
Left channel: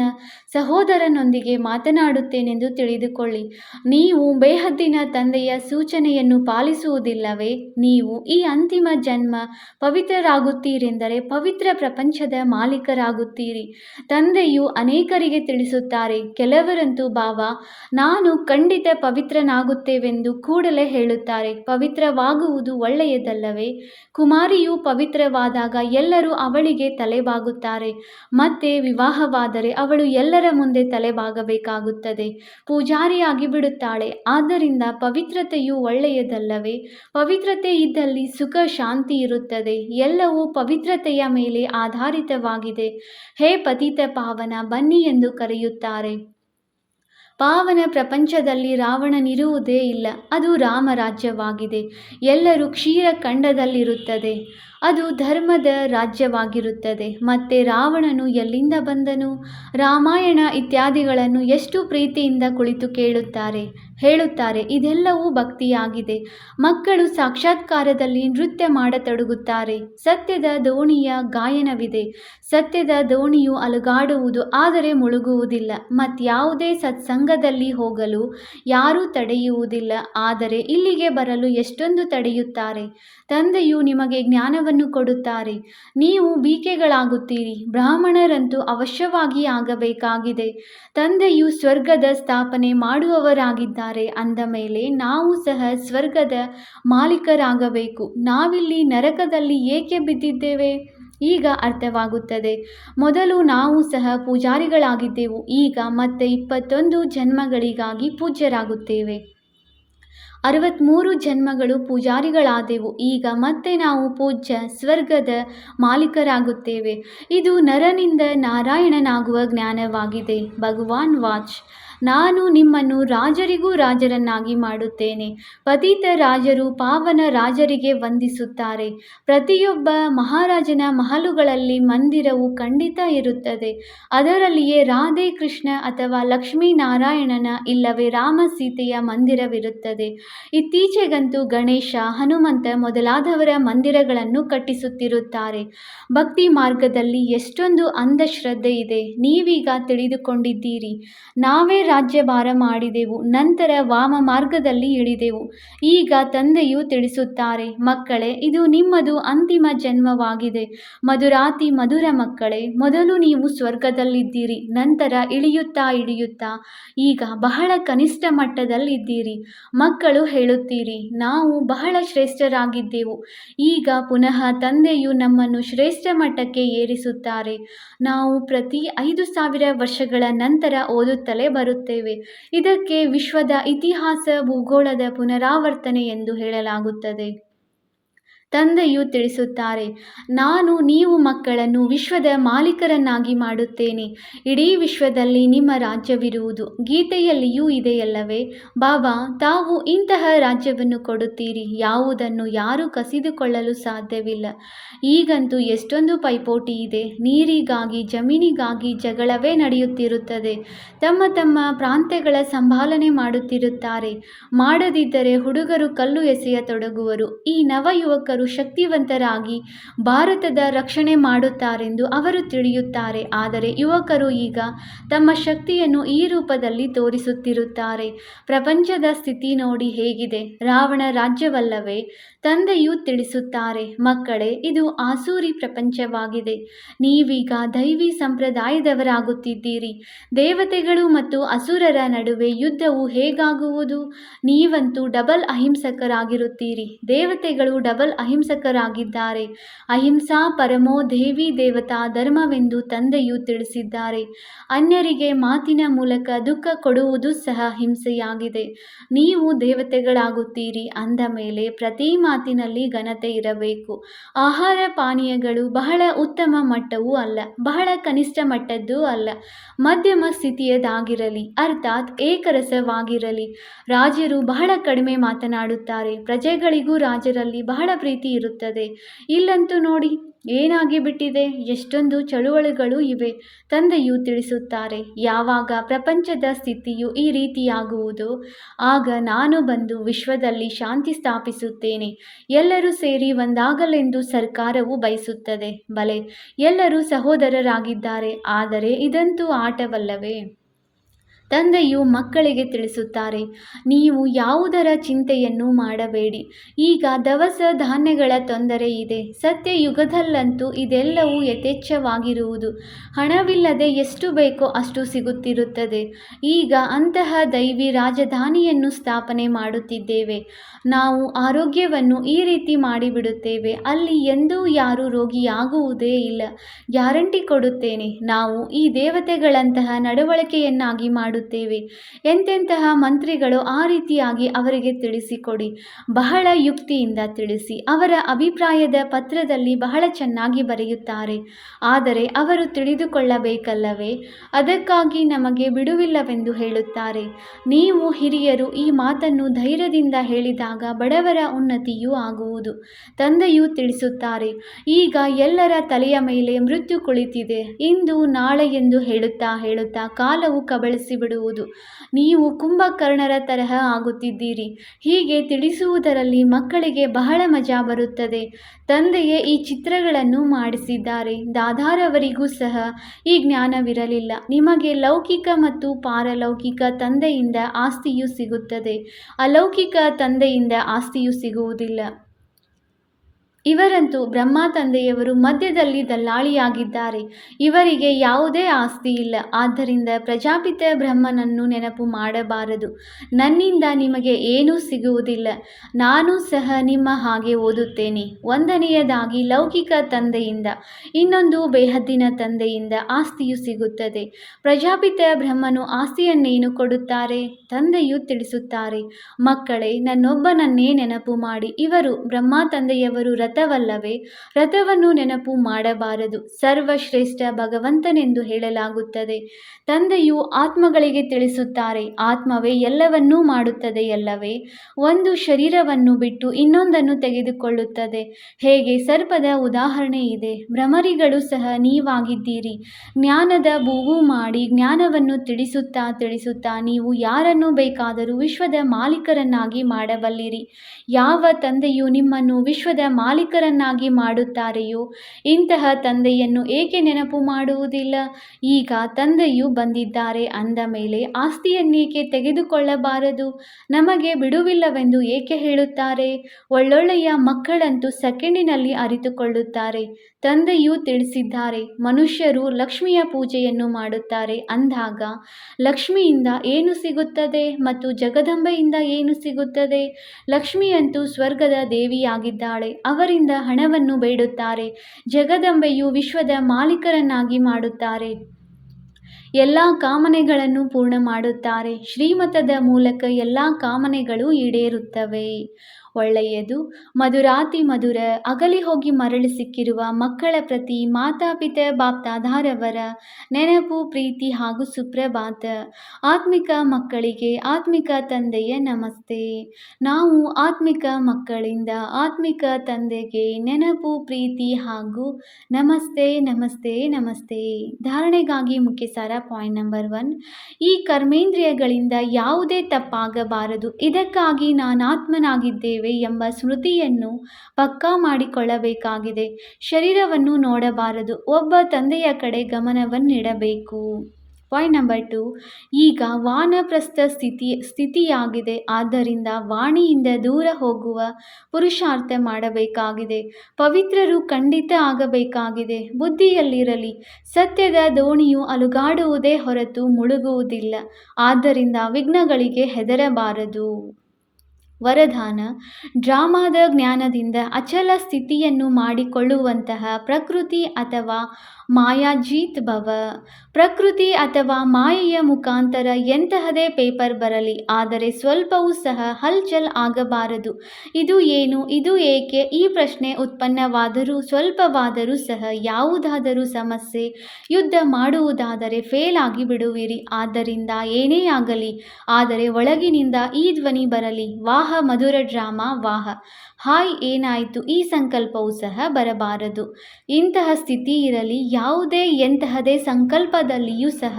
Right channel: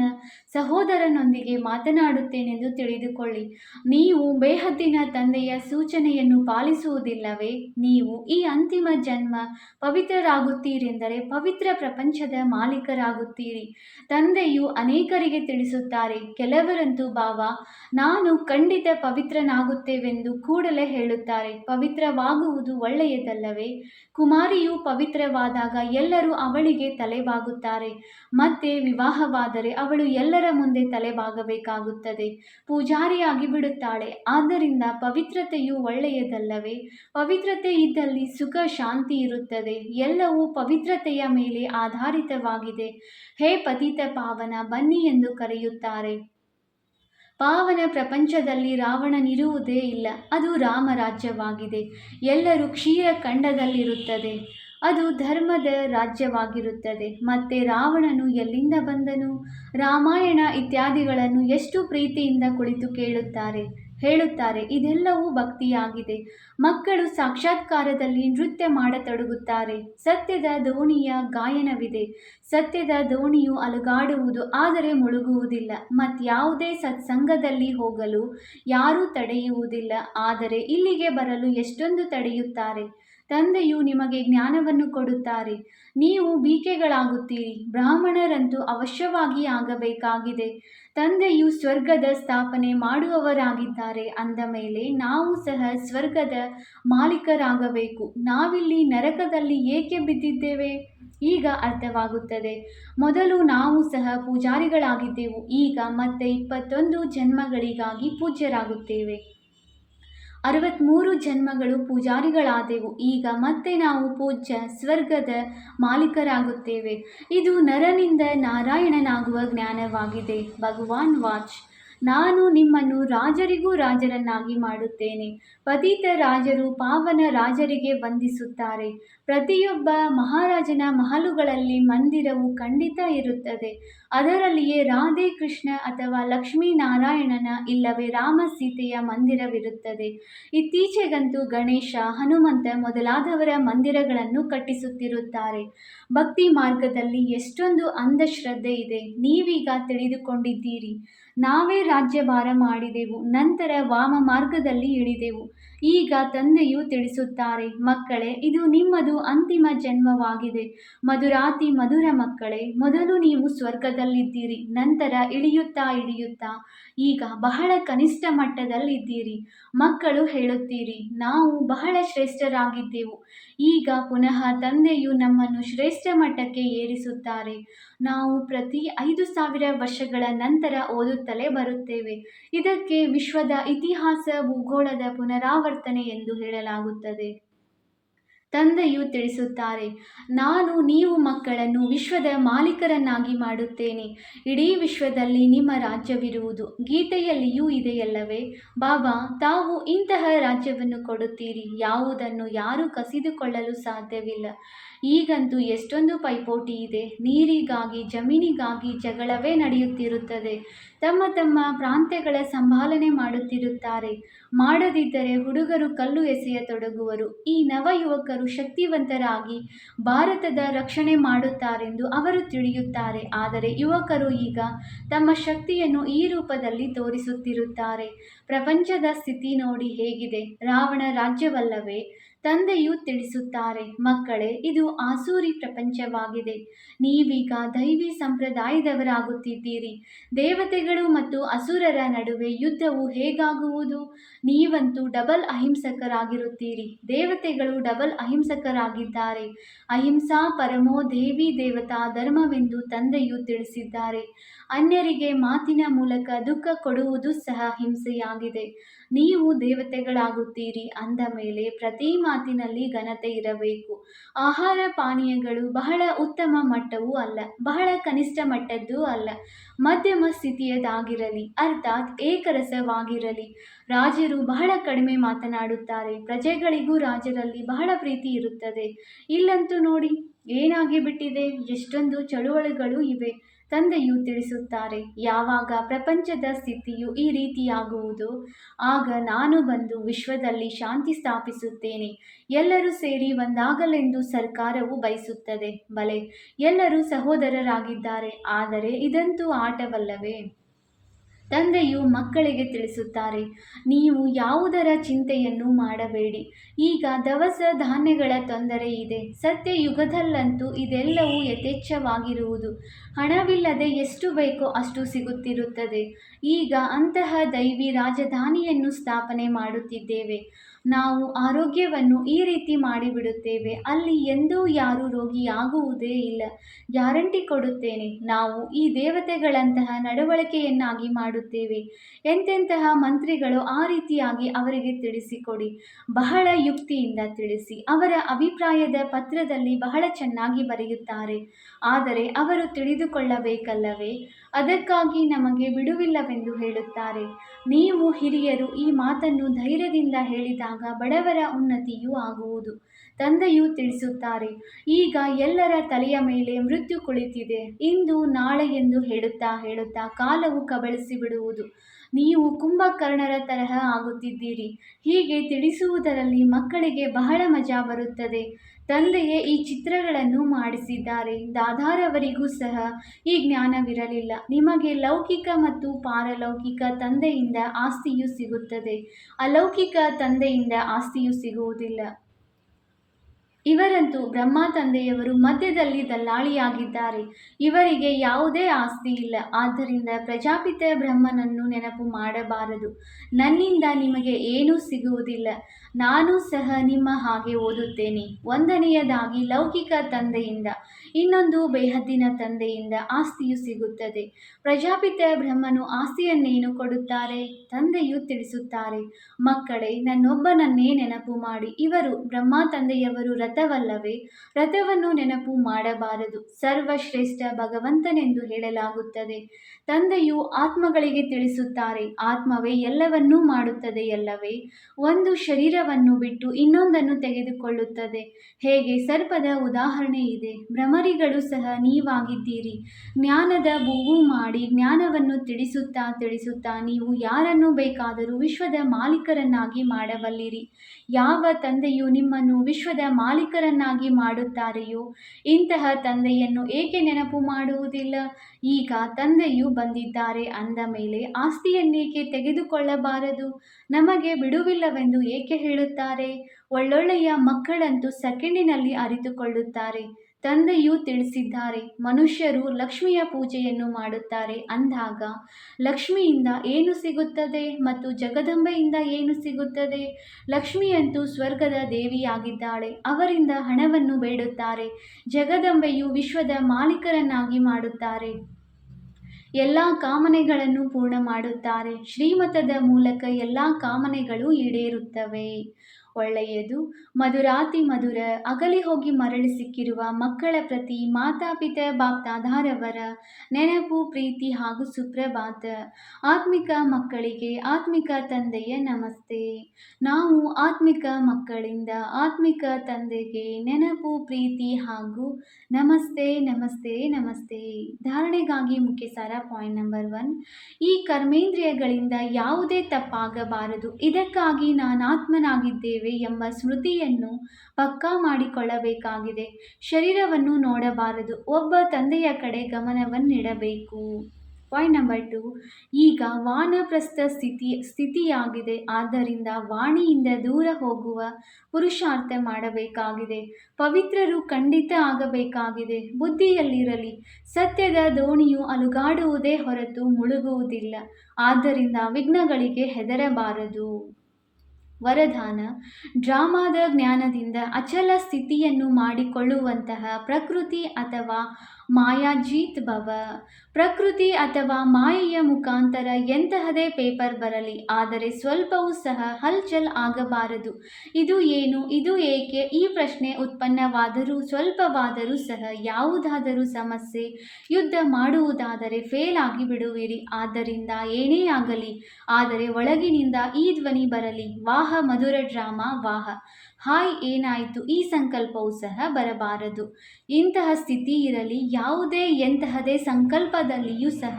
ಸಹೋದರನೊಂದಿಗೆ ಮಾತನಾಡುತ್ತೇನೆಂದು ತಿಳಿದುಕೊಳ್ಳಿ. ನೀವು ಬೇಹದ್ದಿನ ತಂದೆಯ ಸೂಚನೆಯನ್ನು ಪಾಲಿಸುವುದಿಲ್ಲವೇ? ನೀವು ಈ ಅಂತಿಮ ಜನ್ಮ ಪವಿತ್ರರಾಗುತ್ತೀರೆಂದರೆ ಪವಿತ್ರ ಪ್ರಪಂಚದ ಮಾಲೀಕರಾಗುತ್ತೀರಿ. ತಂದೆಯು ಅನೇಕರಿಗೆ ತಿಳಿಸುತ್ತಾರೆ. ಕೆಲವರಂತೂ, ಬಾಬಾ, ನಾನು ಖಂಡಿತ ಪವಿತ್ರನಾಗುತ್ತೇವೆಂದು ಕೂಡಲೇ ಹೇಳುತ್ತಾರೆ. ಪವಿತ್ರವಾಗುವುದು ಒಳ್ಳೆಯದಲ್ಲವೇ? ಕುಮಾರಿಯು ಪವಿತ್ರವಾದಾಗ ಎಲ್ಲರೂ ಅವಳಿಗೆ ತಲೆಬಾಗುತ್ತಾರೆ. ಮತ್ತೆ ವಿವಾಹವಾದರೆ ಅವಳು ಎಲ್ಲರ ಮುಂದೆ ತಲೆಬಾಗಬೇಕಾಗುತ್ತದೆ. ಪೂಜಾರಿಯಾಗಿ ಬಿಡುತ್ತಾಳೆ. ಆದ್ದರಿಂದ ಪವಿತ್ರತೆಯು ಒಳ್ಳೆಯದಲ್ಲವೇ? ಪವಿತ್ರತೆ ಇದ್ದಲ್ಲಿ ಸುಖ ಶಾಂತಿ ಇರುತ್ತದೆ. ಎಲ್ಲವೂ ಪವಿತ್ರತೆಯ ಮೇಲೆ ಆಧಾರಿತವಾಗಿದೆ. ಹೇ ಪತಿತ ಪಾವನ, ಬನ್ನಿ ಎಂದು ಕರೆಯುತ್ತಾರೆ. ಪಾವನ ಪ್ರಪಂಚದಲ್ಲಿ ರಾವಣನಿರುವುದೇ ಇಲ್ಲ. ಅದು ರಾಮರಾಜ್ಯವಾಗಿದೆ. ಎಲ್ಲರೂ ಕ್ಷೀರಖಂಡದಲ್ಲಿರುತ್ತದೆ. ಅದು ಧರ್ಮದ ರಾಜ್ಯವಾಗಿರುತ್ತದೆ. ಮತ್ತೆ ರಾವಣನು ಎಲ್ಲಿಂದ ಬಂದನು? ರಾಮಾಯಣ ಇತ್ಯಾದಿಗಳನ್ನು ಎಷ್ಟು ಪ್ರೀತಿಯಿಂದ ಕುಳಿತು ಕೇಳುತ್ತಾರೆ. ಹೇಳುತ್ತಾರೆ. ಇದೆಲ್ಲವೂ ಭಕ್ತಿಯಾಗಿದೆ. ಮಕ್ಕಳು ಸಾಕ್ಷಾತ್ಕಾರದಲ್ಲಿ ನೃತ್ಯ ಮಾಡತೊಡಗುತ್ತಾರೆ. ಸತ್ಯದ ದೋಣಿಯ ಗಾಯನವಿದೆ. ಸತ್ಯದ ದೋಣಿಯು ಅಲುಗಾಡುವುದು, ಆದರೆ ಮುಳುಗುವುದಿಲ್ಲ. ಮತ್ಯಾವುದೇ ಸತ್ಸಂಗದಲ್ಲಿ ಹೋಗಲು ಯಾರೂ ತಡೆಯುವುದಿಲ್ಲ, ಆದರೆ ಇಲ್ಲಿಗೆ ಬರಲು ಎಷ್ಟೊಂದು ತಡೆಯುತ್ತಾರೆ. ತಂದೆಯು ನಿಮಗೆ ಜ್ಞಾನವನ್ನು ಕೊಡುತ್ತಾರೆ. ನೀವು ಬೀಕೆಗಳಾಗುತ್ತೀರಿ. ಬ್ರಾಹ್ಮಣರಂತೂ ಅವಶ್ಯವಾಗಿ ಆಗಬೇಕಾಗಿದೆ. ತಂದೆಯು ಸ್ವರ್ಗದ ಸ್ಥಾಪನೆ ಮಾಡುವವರಾಗಿದ್ದಾರೆ ಅಂದ ಮೇಲೆ ನಾವು ಸಹ ಸ್ವರ್ಗದ ಮಾಲೀಕರಾಗಬೇಕು. ನಾವಿಲ್ಲಿ ನರಕದಲ್ಲಿ ಏಕೆ ಬಿದ್ದಿದ್ದೇವೆ? ಈಗ ಅರ್ಥವಾಗುತ್ತದೆ. ಮೊದಲು ನಾವು ಸಹ ಪೂಜಾರಿಗಳಾಗಿದ್ದೆವು. ಈಗ ಮತ್ತೆ 21 ಜನ್ಮಗಳಿಗಾಗಿ ಪೂಜ್ಯರಾಗುತ್ತೇವೆ. 63 ಜನ್ಮಗಳು ಪೂಜಾರಿಗಳಾದೆವು. ಈಗ ಮತ್ತೆ ನಾವು ಪೂಜ್ಯ ಸ್ವರ್ಗದ ಮಾಲೀಕರಾಗುತ್ತೇವೆ. ಇದು ನರನಿಂದ ನಾರಾಯಣನಾಗುವ ಜ್ಞಾನವಾಗಿದೆ. ಭಗವಾನ್ ವಾಚ್: ನಾನು ನಿಮ್ಮನ್ನು ರಾಜರಿಗೂ ರಾಜರನ್ನಾಗಿ ಮಾಡುತ್ತೇನೆ. ಪತಿತ ರಾಜರು ಪಾವನ ರಾಜರಿಗೆ ವಂದಿಸುತ್ತಾರೆ. ಪ್ರತಿಯೊಬ್ಬ ಮಹಾರಾಜನ ಮಹಲುಗಳಲ್ಲಿ ಮಂದಿರವು ಖಂಡಿತ ಇರುತ್ತದೆ. ಅದರಲ್ಲಿಯೇ ರಾಧೆ ಕೃಷ್ಣ ಅಥವಾ ಲಕ್ಷ್ಮೀನಾರಾಯಣನ ಇಲ್ಲವೇ ರಾಮ ಸೀತೆಯ ಮಂದಿರವಿರುತ್ತದೆ. ಇತ್ತೀಚೆಗಂತೂ ಗಣೇಶ, ಹನುಮಂತ ಮೊದಲಾದವರ ಮಂದಿರಗಳನ್ನು ಕಟ್ಟಿಸುತ್ತಿರುತ್ತಾರೆ. ಭಕ್ತಿ ಮಾರ್ಗದಲ್ಲಿ ಎಷ್ಟೊಂದು ಅಂಧಶ್ರದ್ಧೆ ಇದೆ. ನೀವೀಗ ತಿಳಿದುಕೊಂಡಿದ್ದೀರಿ. ನಾವೇ ರಾಜ್ಯಭಾರ ಮಾಡಿದೆವು, ನಂತರ ವಾಮ ಮಾರ್ಗದಲ್ಲಿ ಇಳಿದೆವು. ಈಗ ತಂದೆಯು ತಿಳಿಸುತ್ತಾರೆ, ಮಕ್ಕಳೇ, ಇದು ನಿಮ್ಮದು ಅಂತಿಮ ಜನ್ಮವಾಗಿದೆ. ಮಧುರಾತಿ ಮಧುರ ಮಕ್ಕಳೇ, ಮೊದಲು ನೀವು ಸ್ವರ್ಗದಲ್ಲಿದ್ದೀರಿ. ನಂತರ ಇಳಿಯುತ್ತಾ ಇಳಿಯುತ್ತಾ ಈಗ ಬಹಳ ಕನಿಷ್ಠ ಮಟ್ಟದಲ್ಲಿದ್ದೀರಿ. ಮಕ್ಕಳು ಹೇಳುತ್ತೀರಿ, ನಾವು ಬಹಳ ಶ್ರೇಷ್ಠರಾಗಿದ್ದೆವು. ಈಗ ಪುನಃ ತಂದೆಯು ನಮ್ಮನ್ನು ಶ್ರೇಷ್ಠ ಮಟ್ಟಕ್ಕೆ ಏರಿಸುತ್ತಾರೆ. ನಾವು ಪ್ರತಿ 5000 ವರ್ಷಗಳ ನಂತರ ಓದುತ್ತಲೇ ಬರುತ್ತೇವೆ. ಇದಕ್ಕೆ ವಿಶ್ವದ ಇತಿಹಾಸ ಭೂಗೋಳದ ಪುನರಾವರ್ತನೆ ಎಂದು ಹೇಳಲಾಗುತ್ತದೆ. ತಂದೆಯು ತಿಳಿಸುತ್ತಾರೆ, ನಾನು ನೀವು ಮಕ್ಕಳನ್ನು ವಿಶ್ವದ ಮಾಲೀಕರನ್ನಾಗಿ ಮಾಡುತ್ತೇನೆ. ಇಡೀ ವಿಶ್ವದಲ್ಲಿ ನಿಮ್ಮ ರಾಜ್ಯವಿರುವುದು. ಗೀತೆಯಲ್ಲಿಯೂ ಇದೆಯಲ್ಲವೇ? ಬಾಬಾ ತಾವು ಇಂತಹ ರಾಜ್ಯವನ್ನು ಕೊಡುತ್ತೀರಿ, ಯಾವುದನ್ನು ಯಾರೂ ಕಸಿದುಕೊಳ್ಳಲು ಸಾಧ್ಯವಿಲ್ಲ. ಈಗಂತೂ ಎಷ್ಟೊಂದು ಪೈಪೋಟಿ ಇದೆ. ನೀರಿಗಾಗಿ, ಜಮೀನಿಗಾಗಿ ಜಗಳವೇ ನಡೆಯುತ್ತಿರುತ್ತದೆ. ತಮ್ಮ ತಮ್ಮ ಪ್ರಾಂತ್ಯಗಳ ಸಂಭಾಲನೆ ಮಾಡುತ್ತಿರುತ್ತಾರೆ. ಮಾಡದಿದ್ದರೆ ಹುಡುಗರು ಕಲ್ಲು ಎಸೆಯತೊಡಗುವರು. ಈ ನವಯುವಕರು ಶಕ್ತಿವಂತರಾಗಿ ಭಾರತದ ರಕ್ಷಣೆ ಮಾಡುತ್ತಾರೆಂದು ಅವರು ತಿಳಿಯುತ್ತಾರೆ. ಆದರೆ ಯುವಕರು ಈಗ ತಮ್ಮ ಶಕ್ತಿಯನ್ನು ಈ ರೂಪದಲ್ಲಿ ತೋರಿಸುತ್ತಿರುತ್ತಾರೆ. ಪ್ರಪಂಚದ ಸ್ಥಿತಿ ನೋಡಿ ಹೇಗಿದೆ. ರಾವಣ ರಾಜ್ಯವಲ್ಲವೇ? ತಂದೆಯು ತಿಳಿಸುತ್ತಾರೆ, ಮಕ್ಕಳೇ, ಇದು ಆಸೂರಿ ಪ್ರಪಂಚವಾಗಿದೆ. ನೀವೀಗ ದೈವಿ ಸಂಪ್ರದಾಯದವರಾಗುತ್ತಿದ್ದೀರಿ. ದೇವತೆಗಳು ಮತ್ತು ಅಸುರರ ನಡುವೆ ಯುದ್ಧವು ಹೇಗಾಗುವುದು? ನೀವಂತೂ ಡಬಲ್ ಅಹಿಂಸಕರಾಗಿರುತ್ತೀರಿ. ದೇವತೆಗಳು ಡಬಲ್ ಅಹಿಂಸಕರಾಗಿದ್ದಾರೆ. ಅಹಿಂಸಾ ಪರಮೋ ದೇವಿ ದೇವತಾ ಧರ್ಮವೆಂದು ತಂದೆಯು ತಿಳಿಸಿದ್ದಾರೆ. ಅನ್ಯರಿಗೆ ಮಾತಿನ ಮೂಲಕ ದುಃಖ ಕೊಡುವುದು ಸಹ ಹಿಂಸೆಯಾಗಿದೆ. ನೀವು ದೇವತೆಗಳಾಗುತ್ತೀರಿ ಅಂದ ಮೇಲೆ ಪ್ರತಿ ಮಾತಿನಲ್ಲಿ ಘನತೆ ಇರಬೇಕು. ಆಹಾರ ಪಾನೀಯಗಳು ಬಹಳ ಉತ್ತಮ ಮಟ್ಟವೂ ಅಲ್ಲ, ಬಹಳ ಕನಿಷ್ಠ ಮಟ್ಟದ್ದೂ ಅಲ್ಲ, ಮಧ್ಯಮ ಸ್ಥಿತಿಯದಾಗಿರಲಿ, ಅರ್ಥಾತ್ ಏಕರಸವಾಗಿರಲಿ. ರಾಜರು ಬಹಳ ಕಡಿಮೆ ಮಾತನಾಡುತ್ತಾರೆ. ಪ್ರಜೆಗಳಿಗೂ ರಾಜರಲ್ಲಿ ಬಹಳ ಪ್ರೀತಿ ಇರುತ್ತದೆ. ಇಲ್ಲಂತೂ ನೋಡಿ ಏನಾಗಿ ಬಿಟ್ಟಿದೆ. ಎಷ್ಟೊಂದು ಚಳುವಳಿಗಳು ಇವೆ. ತಂದೆಯು ತಿಳಿಸುತ್ತಾರೆ, ಯಾವಾಗ ಪ್ರಪಂಚದ ಸ್ಥಿತಿಯು ಈ ರೀತಿಯಾಗುವುದೋ ಆಗ ನಾನು ಬಂದು ವಿಶ್ವದಲ್ಲಿ ಶಾಂತಿ ಸ್ಥಾಪಿಸುತ್ತೇನೆ. ಎಲ್ಲರೂ ಸೇರಿ ಒಂದಾಗಲೆಂದು ಸರ್ಕಾರವು ಬಯಸುತ್ತದೆ. ಬಲೆ, ಎಲ್ಲರೂ ಸಹೋದರರಾಗಿದ್ದಾರೆ. ಆದರೆ ಇದಂತೂ ಆಟವಲ್ಲವೇ? ತಂದೆಯು ಮಕ್ಕಳಿಗೆ ತಿಳಿಸುತ್ತಾರೆ, ನೀವು ಯಾವುದರ ಚಿಂತೆಯನ್ನು ಮಾಡಬೇಡಿ. ಈಗ ದವಸ ಧಾನ್ಯಗಳ ತೊಂದರೆ ಇದೆ. ಸತ್ಯಯುಗದಲ್ಲಂತೂ ಇದೆಲ್ಲವೂ ಯಥೇಚ್ಛವಾಗಿರುವುದು. ಹಣವಿಲ್ಲದೆ ಎಷ್ಟು ಬೇಕೋ ಅಷ್ಟು ಸಿಗುತ್ತಿರುತ್ತದೆ. ಈಗ ಅಂತಹ ದೈವಿ ರಾಜಧಾನಿಯನ್ನು ಸ್ಥಾಪನೆ ಮಾಡುತ್ತಿದ್ದೇವೆ. ನಾವು ಆರೋಗ್ಯವನ್ನು ಈ ರೀತಿ ಮಾಡಿಬಿಡುತ್ತೇವೆ. ಅಲ್ಲಿ ಎಂದೂ ಯಾರೂ ರೋಗಿಯಾಗುವುದೇ ಇಲ್ಲ. ಗ್ಯಾರಂಟಿ ಕೊಡುತ್ತೇನೆ. ನಾವು ಈ ದೇವತೆಗಳಂತಹ ನಡವಳಿಕೆಯನ್ನಾಗಿ ಮಾಡುತ್ತೇವೆ. ಎಂತೆಂತಹ ಮಂತ್ರಿಗಳು ಆ ರೀತಿಯಾಗಿ ಅವರಿಗೆ ತಿಳಿಸಿಕೊಡಿ. ಬಹಳ ಯುಕ್ತಿಯಿಂದ ತಿಳಿಸಿ. ಅವರ ಅಭಿಪ್ರಾಯದ ಪತ್ರದಲ್ಲಿ ಬಹಳ ಚೆನ್ನಾಗಿ ಬರೆಯುತ್ತಾರೆ. ಆದರೆ ಅವರು ತಿಳಿದುಕೊಳ್ಳಬೇಕಲ್ಲವೇ? ಅದಕ್ಕಾಗಿ ನಮಗೆ ಬಿಡುವಿಲ್ಲವೆಂದು ಹೇಳುತ್ತಾರೆ. ನೀವು ಹಿರಿಯರು ಈ ಮಾತನ್ನು ಧೈರ್ಯದಿಂದ ಹೇಳಿದಾಗ ಬಡವರ ಉನ್ನತಿಯೂ ಆಗುವುದು. ತಂದೆಯು ತಿಳಿಸುತ್ತಾರೆ, ಈಗ ಎಲ್ಲರ ತಲೆಯ ಮೇಲೆ ಮೃತ್ಯು ಕುಳಿತಿದೆ. ಇಂದು ನಾಳೆ ಎಂದು ಹೇಳುತ್ತಾ ಹೇಳುತ್ತಾ ಕಾಲವು ಕಬಳಿಸಿಬಿಡುತ್ತದೆ. ಹೋಗಿಬಿಡುವುದು. ನೀವು ಕುಂಭಕರ್ಣರ ತರಹ ಆಗುತ್ತಿದ್ದೀರಿ. ಹೀಗೆ ತಿಳಿಸುವುದರಲ್ಲಿ ಮಕ್ಕಳಿಗೆ ಬಹಳ ಮಜಾ ಬರುತ್ತದೆ. ತಂದೆಯೇ ಈ ಚಿತ್ರಗಳನ್ನು ಮಾಡಿಸಿದ್ದಾರೆ. ದಾದಾರವರಿಗೂ ಸಹ ಈ ಜ್ಞಾನವಿರಲಿಲ್ಲ. ನಿಮಗೆ ಲೌಕಿಕ ಮತ್ತು ಪಾರಲೌಕಿಕ ತಂದೆಯಿಂದ ಆಸ್ತಿಯು ಸಿಗುತ್ತದೆ, ಅಲೌಕಿಕ ತಂದೆಯಿಂದ ಆಸ್ತಿಯು ಸಿಗುವುದಿಲ್ಲ. ಇವರಂತೂ ಬ್ರಹ್ಮ ತಂದೆಯವರು ಮಧ್ಯದಲ್ಲಿ ದಲ್ಲಾಳಿಯಾಗಿದ್ದಾರೆ. ಇವರಿಗೆ ಯಾವುದೇ ಆಸ್ತಿ ಇಲ್ಲ. ಆದ್ದರಿಂದ ಪ್ರಜಾಪಿತ ಬ್ರಹ್ಮನನ್ನು ನೆನಪು ಮಾಡಬಾರದು. ನನ್ನಿಂದ ನಿಮಗೆ ಏನೂ ಸಿಗುವುದಿಲ್ಲ. ನಾನು ಸಹ ನಿಮ್ಮ ಹಾಗೆ ಓದುತ್ತೇನೆ. ಒಂದನೆಯದಾಗಿ ಲೌಕಿಕ ತಂದೆಯಿಂದ, ಇನ್ನೊಂದು ಬೇಹದ್ದಿನ ತಂದೆಯಿಂದ ಆಸ್ತಿಯು ಸಿಗುತ್ತದೆ. ಪ್ರಜಾಪಿತ ಬ್ರಹ್ಮನು ಆಸ್ತಿಯನ್ನೇನು ಕೊಡುತ್ತಾರೆ? ತಂದೆಯು ತಿಳಿಸುತ್ತಾರೆ, ಮಕ್ಕಳೇ, ನನ್ನೊಬ್ಬನನ್ನೇ ನೆನಪು ಮಾಡಿ. ಇವರು ಬ್ರಹ್ಮ ತಂದೆಯವರು ರಥವಲ್ಲವೇ? ರಥವನ್ನು ನೆನಪು ಮಾಡಬಾರದು. ಸರ್ವಶ್ರೇಷ್ಠ ಭಗವಂತನೆಂದು ಹೇಳಲಾಗುತ್ತದೆ. ತಂದೆಯು ಆತ್ಮಗಳಿಗೆ ತಿಳಿಸುತ್ತಾರೆ, ಆತ್ಮವೇ ಎಲ್ಲವನ್ನೂ ಮಾಡುತ್ತದೆಯಲ್ಲವೇ? ಒಂದು ಶರೀರವನ್ನು ಬಿಟ್ಟು ಇನ್ನೊಂದನ್ನು ತೆಗೆದುಕೊಳ್ಳುತ್ತದೆ. ಹೇಗೆ ಸರ್ಪದ ಉದಾಹರಣೆ ಇದೆ. ಭ್ರಮರಿಗಳು ಸಹ ನೀವಾಗಿದ್ದೀರಿ. ಜ್ಞಾನದ ಬೂವು ಮಾಡಿ ಜ್ಞಾನವನ್ನು ತಿಳಿಸುತ್ತಾ ತಿಳಿಸುತ್ತಾ ನೀವು ಯಾರನ್ನು ಬೇಕಾದರೂ ವಿಶ್ವದ ಮಾಲೀಕರನ್ನಾಗಿ ಮಾಡಬಲ್ಲಿರಿ. ಯಾವ ತಂದೆಯು ನಿಮ್ಮನ್ನು ವಿಶ್ವದ ಮಾಲೀಕರನ್ನಾಗಿ ಮಾಡುತ್ತಾರೆಯೋ ಇಂತಹ ತಂದೆಯನ್ನು ಏಕೆ ನೆನಪು ಮಾಡುವುದಿಲ್ಲ? ಈಗ ತಂದೆಯು ಬಂದಿದ್ದಾರೆ ಅಂದ ಮೇಲೆ ಆಸ್ತಿಯನ್ನೇಕೆ ತೆಗೆದುಕೊಳ್ಳಬಾರದು? ನಮಗೆ ಬಿಡುವಿಲ್ಲವೆಂದು ಏಕೆ ಹೇಳುತ್ತಾರೆ? ಒಳ್ಳೊಳ್ಳೆಯ ಮಕ್ಕಳಂತೂ ಸೆಕೆಂಡಿನಲ್ಲಿ ಅರಿತುಕೊಳ್ಳುತ್ತಾರೆ. ತಂದೆಯು ತಿಳಿಸಿದ್ದಾರೆ, ಮನುಷ್ಯರು ಲಕ್ಷ್ಮಿಯ ಪೂಜೆಯನ್ನು ಮಾಡುತ್ತಾರೆ ಅಂದಾಗ ಲಕ್ಷ್ಮಿಯಿಂದ ಏನು ಸಿಗುತ್ತದೆ ಮತ್ತು ಜಗದಂಬೆಯಿಂದ ಏನು ಸಿಗುತ್ತದೆ? ಲಕ್ಷ್ಮಿಯಂತೂ ಸ್ವರ್ಗದ ದೇವಿಯಾಗಿದ್ದಾಳೆ. ಅವರಿಂದ ಹಣವನ್ನು ಬೇಡುತ್ತಾರೆ. ಜಗದಂಬೆಯು ವಿಶ್ವದ ಮಾಲೀಕರನ್ನಾಗಿ ಮಾಡುತ್ತಾರೆ. ಎಲ್ಲ ಕಾಮನೆಗಳನ್ನು ಪೂರ್ಣ ಮಾಡುತ್ತಾರೆ. ಶ್ರೀಮತದ ಮೂಲಕ ಎಲ್ಲ ಕಾಮನೆಗಳು ಈಡೇರುತ್ತವೆ. ಒಳ್ಳೆಯದು. ಮಧುರಾತಿ ಮಧುರ ಅಗಲಿ ಹೋಗಿ ಮರಳಿ ಸಿಕ್ಕಿರುವ ಮಕ್ಕಳ ಪ್ರತಿ ಮಾತಾಪಿತ ಬಾಪ್ದಾದಾರವರ ನೆನಪು, ಪ್ರೀತಿ ಹಾಗೂ ಸುಪ್ರಭಾತ. ಆತ್ಮಿಕ ಮಕ್ಕಳಿಗೆ ಆತ್ಮಿಕ ತಂದೆಯ ನಮಸ್ತೆ. ನಾವು ಆತ್ಮಿಕ ಮಕ್ಕಳಿಂದ ಆತ್ಮಿಕ ತಂದೆಗೆ ನೆನಪು, ಪ್ರೀತಿ ಹಾಗೂ ನಮಸ್ತೆ ನಮಸ್ತೆ ನಮಸ್ತೆ. ಧಾರಣೆಗಾಗಿ ಮುಖ್ಯ ಸಾರ ಪಾಯಿಂಟ್ ನಂಬರ್ 1. ಈ ಕರ್ಮೇಂದ್ರಿಯಗಳಿಂದ ಯಾವುದೇ ತಪ್ಪಾಗಬಾರದು. ಇದಕ್ಕಾಗಿ ನಾನಾತ್ಮನಾಗಿದ್ದೇವೆ ಎಂಬ ಸ್ಮೃತಿಯನ್ನು ಪಕ್ಕಾ ಮಾಡಿಕೊಳ್ಳಬೇಕಾಗಿದೆ. ಶರೀರವನ್ನು ನೋಡಬಾರದು. ಒಬ್ಬ ತಂದೆಯ ಕಡೆ ಗಮನವನ್ನಿಡಬೇಕು. Point number 2. ಈಗ ವಾನಪ್ರಸ್ಥ ಸ್ಥಿತಿಯಾಗಿದೆ. ಆದ್ದರಿಂದ ವಾಣಿಯಿಂದ ದೂರ ಹೋಗುವ ಪುರುಷಾರ್ಥ ಮಾಡಬೇಕಾಗಿದೆ. ಪವಿತ್ರರು ಖಂಡಿತ ಆಗಬೇಕಾಗಿದೆ. ಬುದ್ಧಿಯಲ್ಲಿರಲಿ, ಸತ್ಯದ ದೋಣಿಯು ಅಲುಗಾಡುವುದೇ ಹೊರತು ಮುಳುಗುವುದಿಲ್ಲ. ಆದ್ದರಿಂದ ವಿಘ್ನಗಳಿಗೆ ಹೆದರಬಾರದು. ವರದಾನ: ಡ್ರಾಮಾದ ಜ್ಞಾನದಿಂದ ಅಚಲ ಸ್ಥಿತಿಯನ್ನು ಮಾಡಿಕೊಳ್ಳುವಂತಹ ಪ್ರಕೃತಿ ಅಥವಾ ಮಾಯಾಜೀತ್ ಭವ. ಪ್ರಕೃತಿ ಅಥವಾ ಮಾಯೆಯ ಮುಖಾಂತರ ಎಂತಹದೇ ಪೇಪರ್ ಬರಲಿ, ಆದರೆ ಸ್ವಲ್ಪವೂ ಸಹ ಹಲ್ಚಲ್ ಆಗಬಾರದು. ಇದು ಏನು, ಇದು ಏಕೆ, ಈ ಪ್ರಶ್ನೆ ಉತ್ಪನ್ನವಾದರೂ ಸ್ವಲ್ಪವಾದರೂ ಸಹ ಯಾವುದಾದರೂ ಸಮಸ್ಯೆ, ಯುದ್ಧ ಮಾಡುವುದಾದರೆ ಫೇಲ್ ಆಗಿ ಬಿಡುವಿರಿ. ಆದ್ದರಿಂದ ಏನೇ ಆಗಲಿ, ಆದರೆ ಒಳಗಿನಿಂದ ಈ ಧ್ವನಿ ಬರಲಿ, ವಾಹ ಮಧುರ ಡ್ರಾಮಾ ವಾಹ. ಹಾಯ್, ಏನಾಯಿತು? ಈ ಸಂಕಲ್ಪವೂ ಸಹ ಬರಬಾರದು. ಇಂತಹ ಸ್ಥಿತಿ ಇರಲಿ. ಯಾವುದೇ ಎಂತಹದೇ ಸಂಕಲ್ಪದಲ್ಲಿಯೂ ಸಹ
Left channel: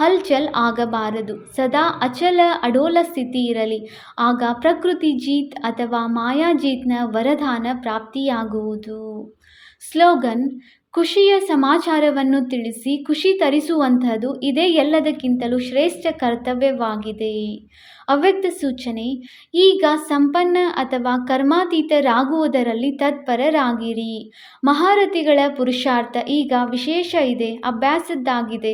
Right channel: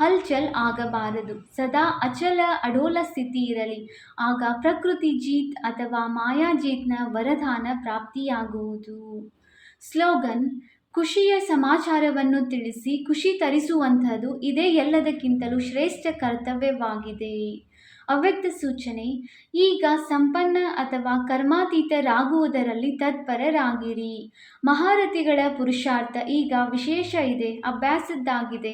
ಹಲ್ಚಲ್ ಆಗಬಾರದು. ಸದಾ ಅಚಲ ಅಡೋಲ ಸ್ಥಿತಿ ಇರಲಿ. ಆಗ ಪ್ರಕೃತಿ ಜೀತ್ ಅಥವಾ ಮಾಯಾಜೀತ್ನ ವರದಾನ ಪ್ರಾಪ್ತಿಯಾಗುವುದು. ಸ್ಲೋಗನ್: ಖುಷಿಯ ಸಮಾಚಾರವನ್ನು ತಿಳಿಸಿ ಖುಷಿ ತರಿಸುವಂಥದ್ದು ಇದೇ ಎಲ್ಲದಕ್ಕಿಂತಲೂ ಶ್ರೇಷ್ಠ ಕರ್ತವ್ಯವಾಗಿದೆ. ಅವ್ಯಕ್ತ ಸೂಚನೆ: ಈಗ ಸಂಪನ್ನ ಅಥವಾ ಕರ್ಮಾತೀತರಾಗುವುದರಲ್ಲಿ ತತ್ಪರರಾಗಿರಿ. ಮಹಾರಥಿಗಳ ಪುರುಷಾರ್ಥ ಈಗ ವಿಶೇಷ ಇದೆ, ಅಭ್ಯಾಸದ್ದಾಗಿದೆ.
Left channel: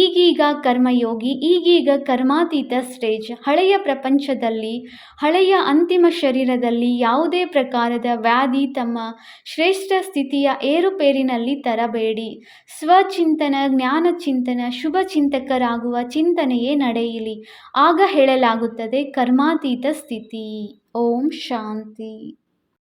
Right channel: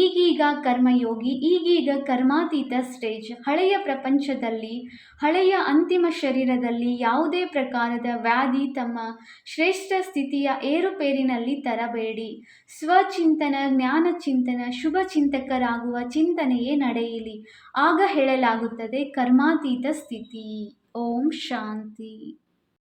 ಈಗೀಗ ಕರ್ಮಯೋಗಿ, ಈಗೀಗ ಕರ್ಮಾತೀತ ಸ್ಟೇಜ್. ಹಳೆಯ ಪ್ರಪಂಚದಲ್ಲಿ, ಹಳೆಯ ಅಂತಿಮ ಶರೀರದಲ್ಲಿ ಯಾವುದೇ ಪ್ರಕಾರದ ವ್ಯಾಧಿ ತಮ್ಮ ಶ್ರೇಷ್ಠ ಸ್ಥಿತಿಯ ಏರುಪೇರಿನಲ್ಲಿ ತರಬೇಡಿ. ಸ್ವಚಿಂತನ, ಜ್ಞಾನಚಿಂತನ, ಶುಭ ಚಿಂತಕರಾಗುವ ಚಿಂತನೆಯೇ ನಡೆಯಲಿ. ಆಗ ಹೇಳಲಾಗುತ್ತದೆ ಕರ್ಮಾತೀತ ಸ್ಥಿತಿ. ಓಂ ಶಾಂತಿ.